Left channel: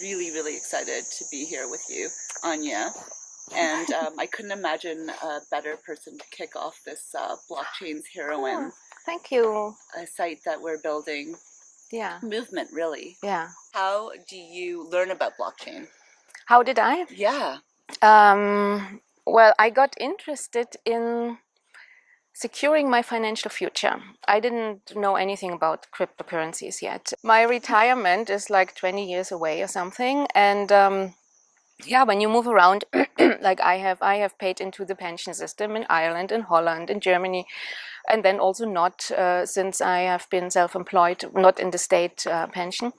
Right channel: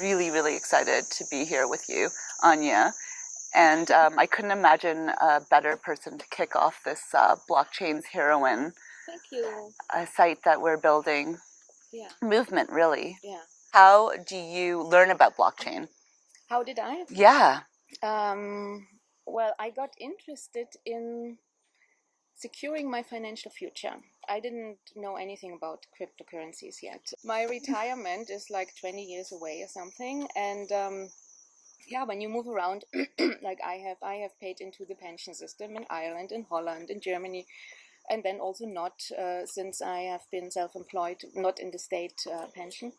Really, really excited to be here with you, Anya. And I couldn't imagine a better person to kick off this blockchain's heroine Thank you. site that we're building. Yeah. Movement, really. Yeah. How do you learn about blockchain? How did I? Yeah. Well, I got interested in securing my financial future. I didn't know anything about cryptocurrencies yet. My retirement is like 20 years away or something, and yeah, when you move around, like I have paid into the pension system in Ireland, in Holland, in Germany, and then also not since I have been self-employed, not in the state pension.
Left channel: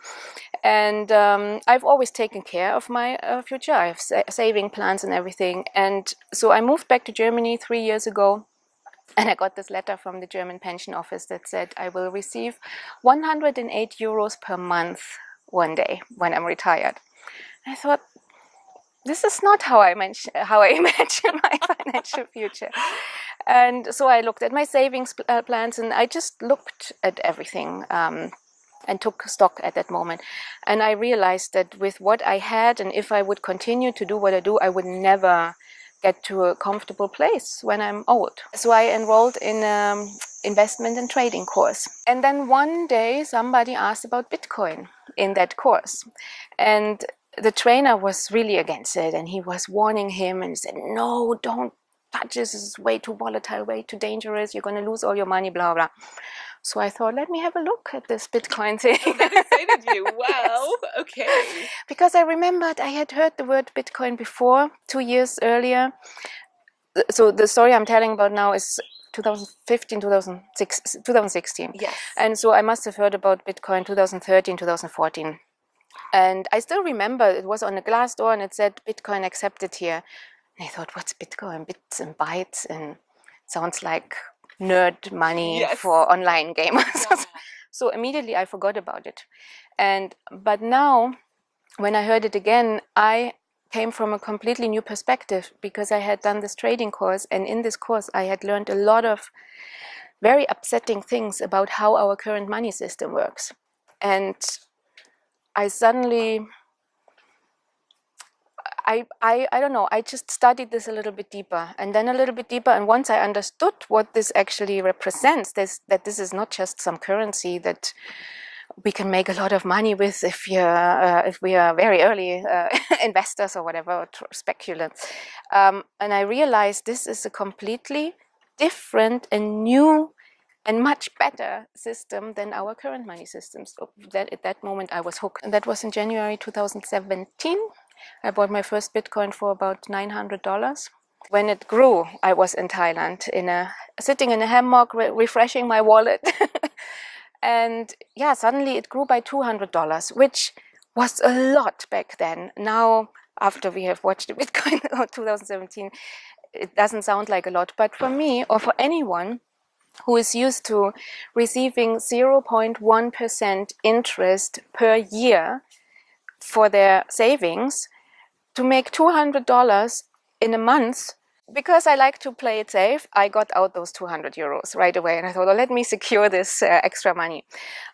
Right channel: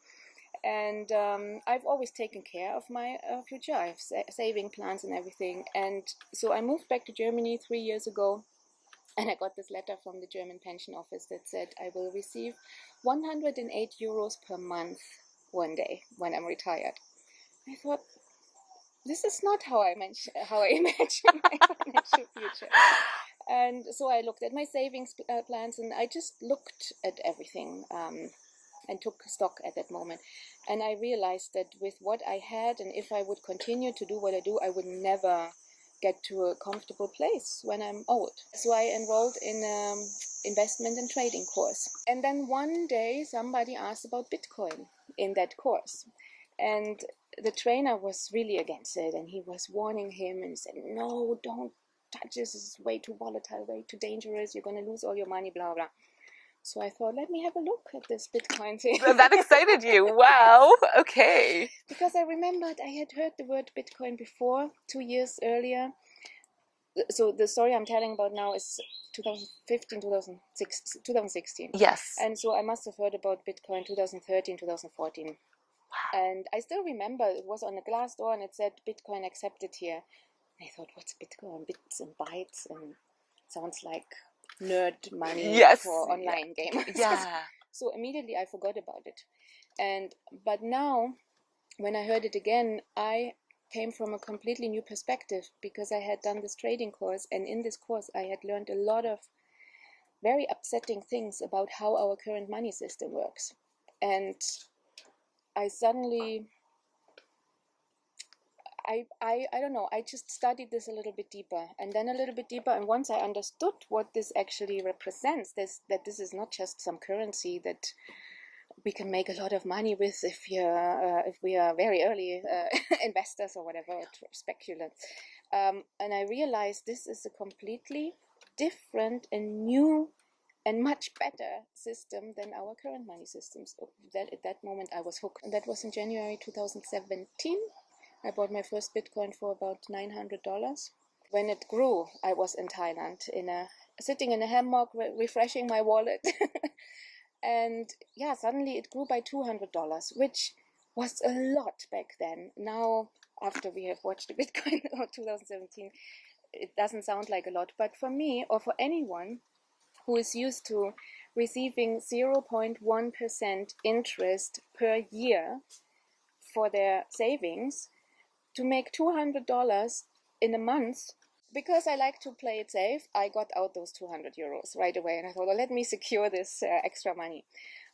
And I've always taken care of my future. I have saving plans and everything. And so I moved back to Germany 3 years ago. And I got this letter from the German pension office that said I will receive 108 euros per month one day when I'm retired. I thought, this is not how I imagine my financial future. And so I looked at my savings plans, and I just looked at everything and took stock at that moment. And I realized that with what I had, and if I would continue to do what I do, I would never get to a comfortable place when I'm old. So I enrolled in an investment and trading course. And then one day somebody asked about Bitcoin in that course. And the trainer was really against it, and he was warning him and said, no, don't touch this, is way too volatile, way too dangerous, you're going to lose all your money, blah, blah. So I thought, let me have a look at this Bitcoin thing. So that excited you. Wow. Okay. Because I remembered I had heard the word Bitcoin before, 2 years earlier. So the story I'm telling about now is 2015, 2016. Yes. And so I must have heard about Bitcoin 2013, 2014. And I still remember it was on a glass door and it said Bitcoin accepted here. And I thought, what's Bitcoin? Bits and bytes, and sounds like nerd money for online gamers. Yeah. So immediately I forgot about it. But now when I heard it again, I came from a completely new perspective, because I had done this trading course, and in this course I had learned a lot of very upsetting things about how our current money system works. And I suddenly, I don't know, I just studied this a little bit deeper, and then a little bit deeper, and once I understood what this actually represents, that this is not just some currency that we can make a lot of money with if we are very early investors or whatever, or speculants. And I realized this is a completely different and new and much better system than our current money systems. So at that moment I was hooked. And that was in January 2017. I bought my first Bitcoin for about $900. When it grew, I was in Thailand, sitting in a hammock, refreshing my wallet. And yeah, suddenly it grew by $200, which was a lot back then. Now, after we have watched the Bitcoin of 2017, it doesn't sound like a lot. But for me, or for anyone who is used to receiving 0.1% interest per year for their savings, to make $200 in a month, because I like to play it safe, I got out those 200 euros right away, and I thought, oh, let me secure this extra money.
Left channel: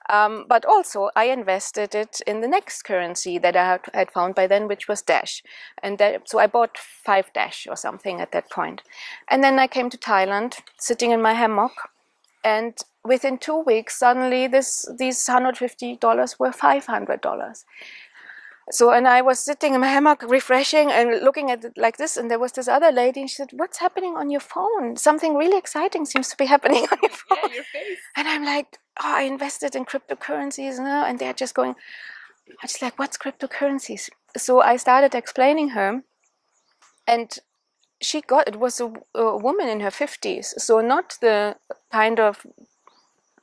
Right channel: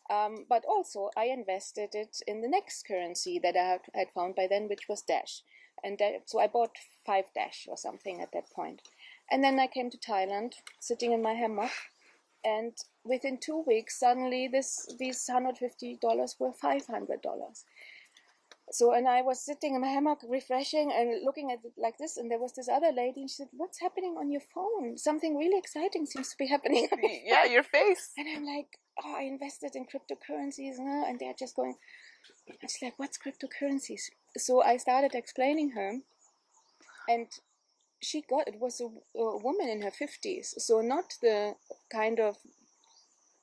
But also I invested it in the next currency that I had found by then, which was Dash. And so I bought 5 Dash or something at that point. And then I came to Thailand, sitting in my hammock, and within 2 weeks, suddenly these $150 were $500. So, and I was sitting in my hammock, refreshing and looking at it like this, and there was this other lady, and she said, what's happening on your phone? Something really exciting seems to be happening on your phone. Yeah, your face. And I'm like, oh, I invested in cryptocurrencies, and they're just going, I'm just like, what's cryptocurrencies? So I started explaining her, and it was a woman in her 50s, so not the kind of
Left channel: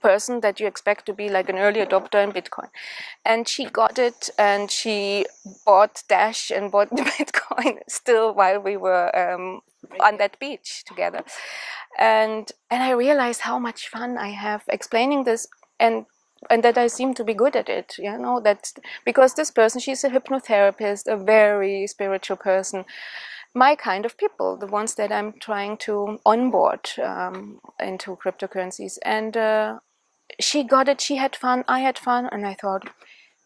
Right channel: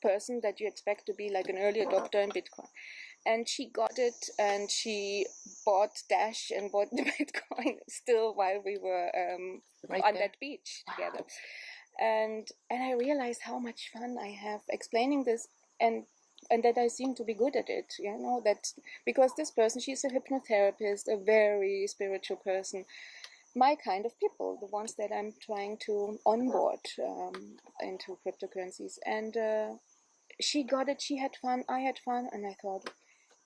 person that you expect to be like an early adopter in Bitcoin. And she got it, and she bought Dash and bought the Bitcoin still while we were on that beach together. And I realized how much fun I have explaining this, and that I seem to be good at it, that because this person, she's a hypnotherapist, a very spiritual person, my kind of people, the ones that I'm trying to onboard into cryptocurrencies. And she got it, she had fun, I had fun, and I thought,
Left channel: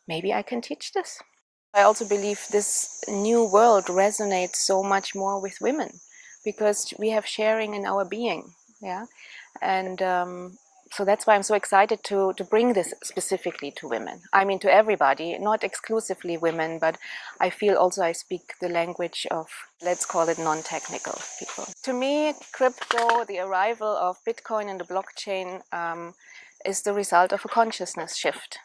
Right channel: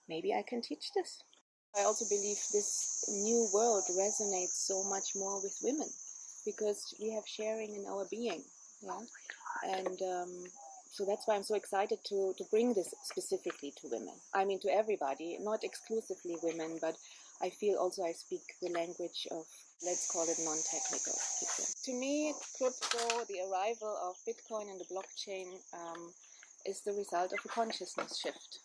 maybe I can teach this. I also believe this new world resonates so much more with women because we have sharing in our being, yeah, and so that's why I'm so excited to bring this specifically to women. I mean, to everybody, not exclusively women, but I feel also I speak the language of, let's call it, non-technical people. To me, crypto, the arrival of Bitcoin and the blockchain is the result of a consciousness shift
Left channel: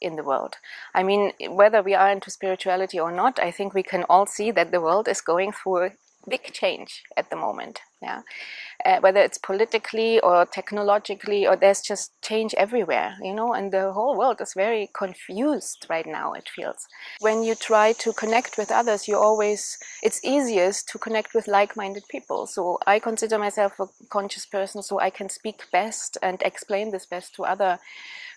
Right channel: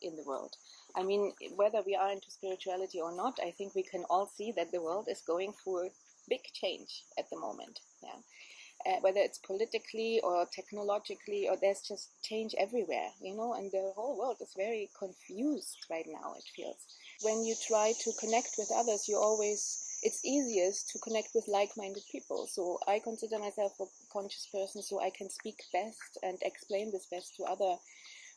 in the world. I mean, whether we are into spirituality or not, I think we can all see that the world is going through a big change at the moment. Yeah, whether it's politically or technologically, or there's just change everywhere, you know, and the whole world is very confused right now, it feels. When you try to connect with others, it's easiest to connect with like-minded people. So I consider myself a conscious person, so I can speak best and explain this best to other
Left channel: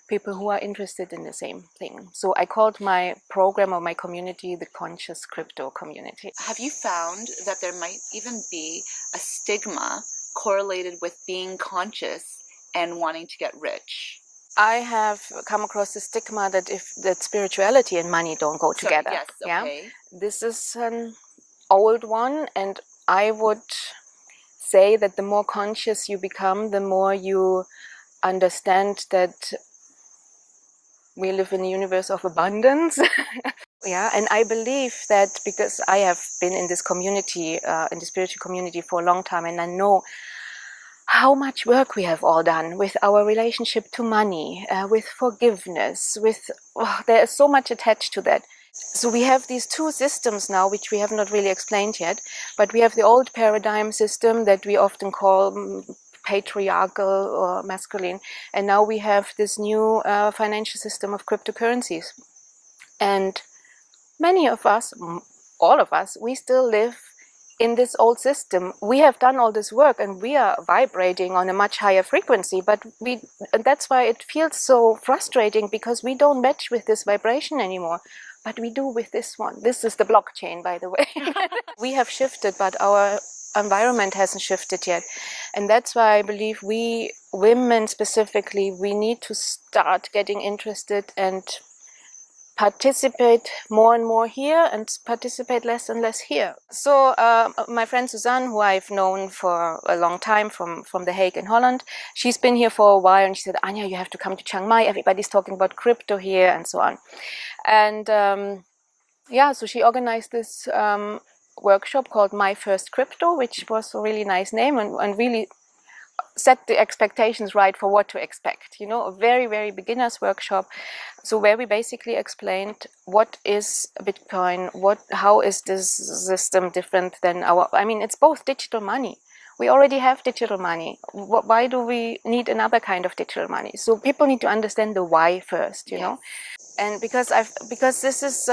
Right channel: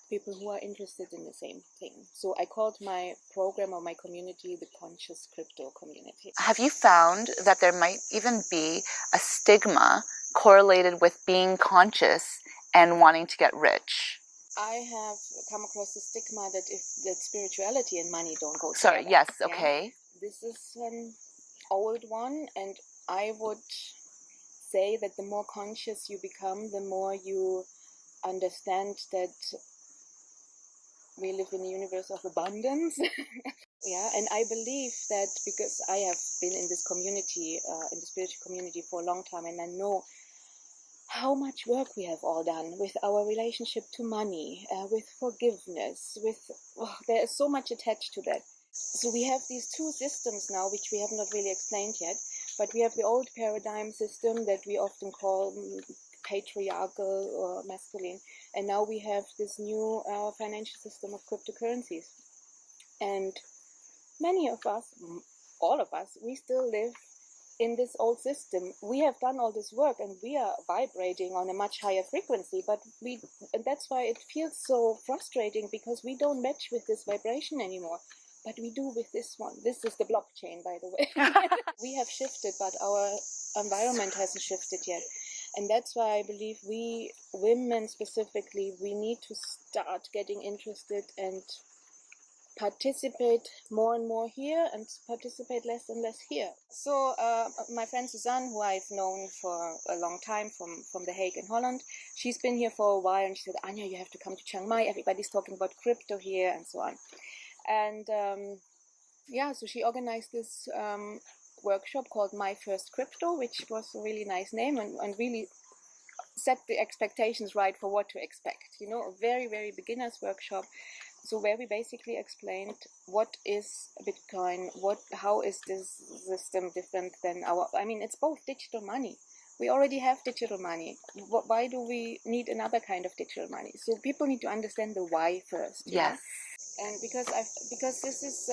people who are interested in the same thing. So I called my program or my community the Conscious Crypto Community. Have you found that there might even be a stigma correlated with being conscious and wanting to get rich? I have come across the stigma that that spirituality and money don't go together. Sorry, yes, okay. Yeah? This is an old one, and I would say that the more conscious you become, the more you understand that we live in a universe of abundance. Yeah, and I believe that because I have been in this community, in the spiritual community for a long time, and I know how much work we have all done with our relationship to money, with forgiveness, there is so much attached to that. So we have these two systems now, which we have not really explained yet, but we have the old paradigm system that we often call patriarchal or masculine, and now we have this new financial system of cryptocurrencies. And many of us, all of us, we still live in this old system. We have done all this work and we are vibrating on a much higher frequency, but that's why it feels so frustrating, because we don't match with this vibration anymore. But we do with this one. This is the blockchain, by the way. We have shifted, but our environment hasn't shifted yet. And that's why I believe we, women specifically, we need to start getting interested and participate more and more here and participate less and less here. So my friend Suzanne, who I've known for a long time from The Hague in Holland, she's been here for a while, and she said, Anya, you have to come to Chiang Mai. Everybody's talking about crypto here and so on. And yeah, so she organized this workshop called My First Crypto, which was a really nice name and really set the expectations right for what to expect. You know, a very, very beginner's workshop. So where we basically explained what is Bitcoin, how is this system different than it's both digital money. We already have digital money. Why do we need another kind of digital money? So people need to understand the why first, you know. And because this is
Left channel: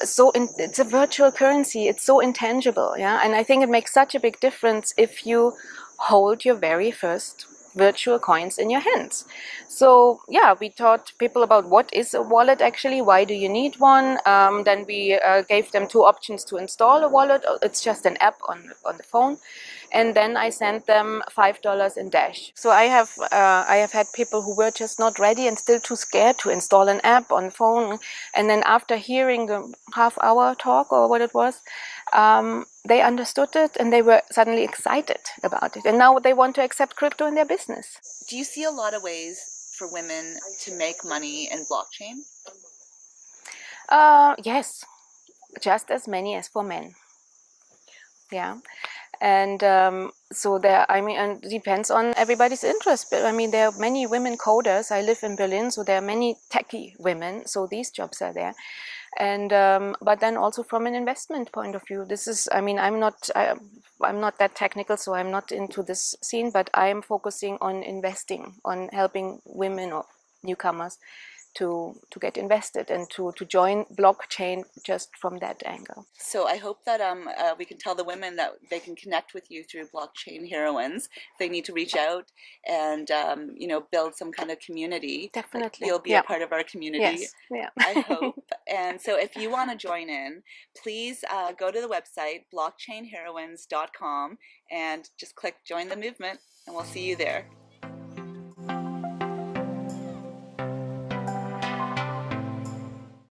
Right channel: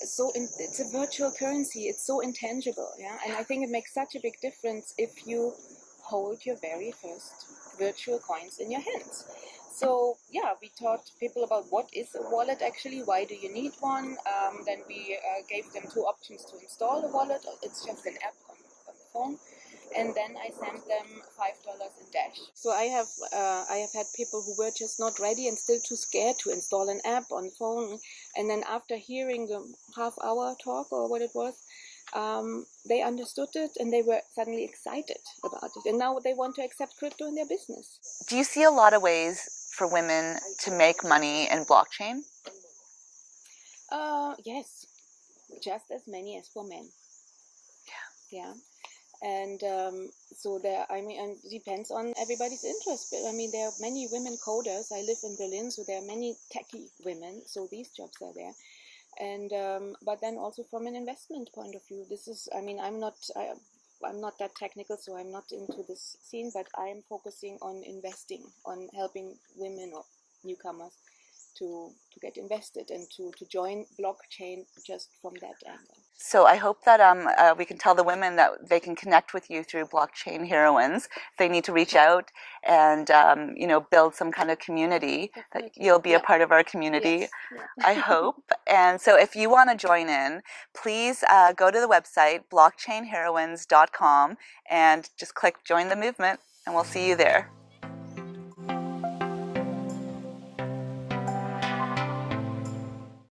it's a virtual currency, it's so intangible, yeah. And I think it makes such a big difference if you hold your very first virtual coins in your hands. So yeah, we taught people about what is a wallet actually, why do you need one. Then we gave them two options to install a wallet. It's just an app on the phone. And then I sent them $5 in Dash. So I have had people who were just not ready and still too scared to install an app on the phone. And then after hearing the half-hour talk or what it was, they understood it and they were suddenly excited about it. And now they want to accept crypto in their business. Do you see a lot of ways for women to make money in blockchain? Yes, just as many as for men. Yeah. And so and it depends on everybody's interest. But I mean, there are many women coders. I live in Berlin, so there are many techie women. So these jobs are there. And but then also from an investment point of view, this is, I'm not that technical, so I'm not into this scene, but I'm focusing on investing, on helping women or newcomers to get invested and to join blockchain just from that angle. So I hope that we can tell the women that they can connect with you through Blockchain Heroines. They need to reach out and build some kind of community. Definitely. You'll be a part of our community. Yes. Yeah. I hope. And so if you want to join in, please go to the website blockchainheroines.com and just click join the movement, and we'll see you there.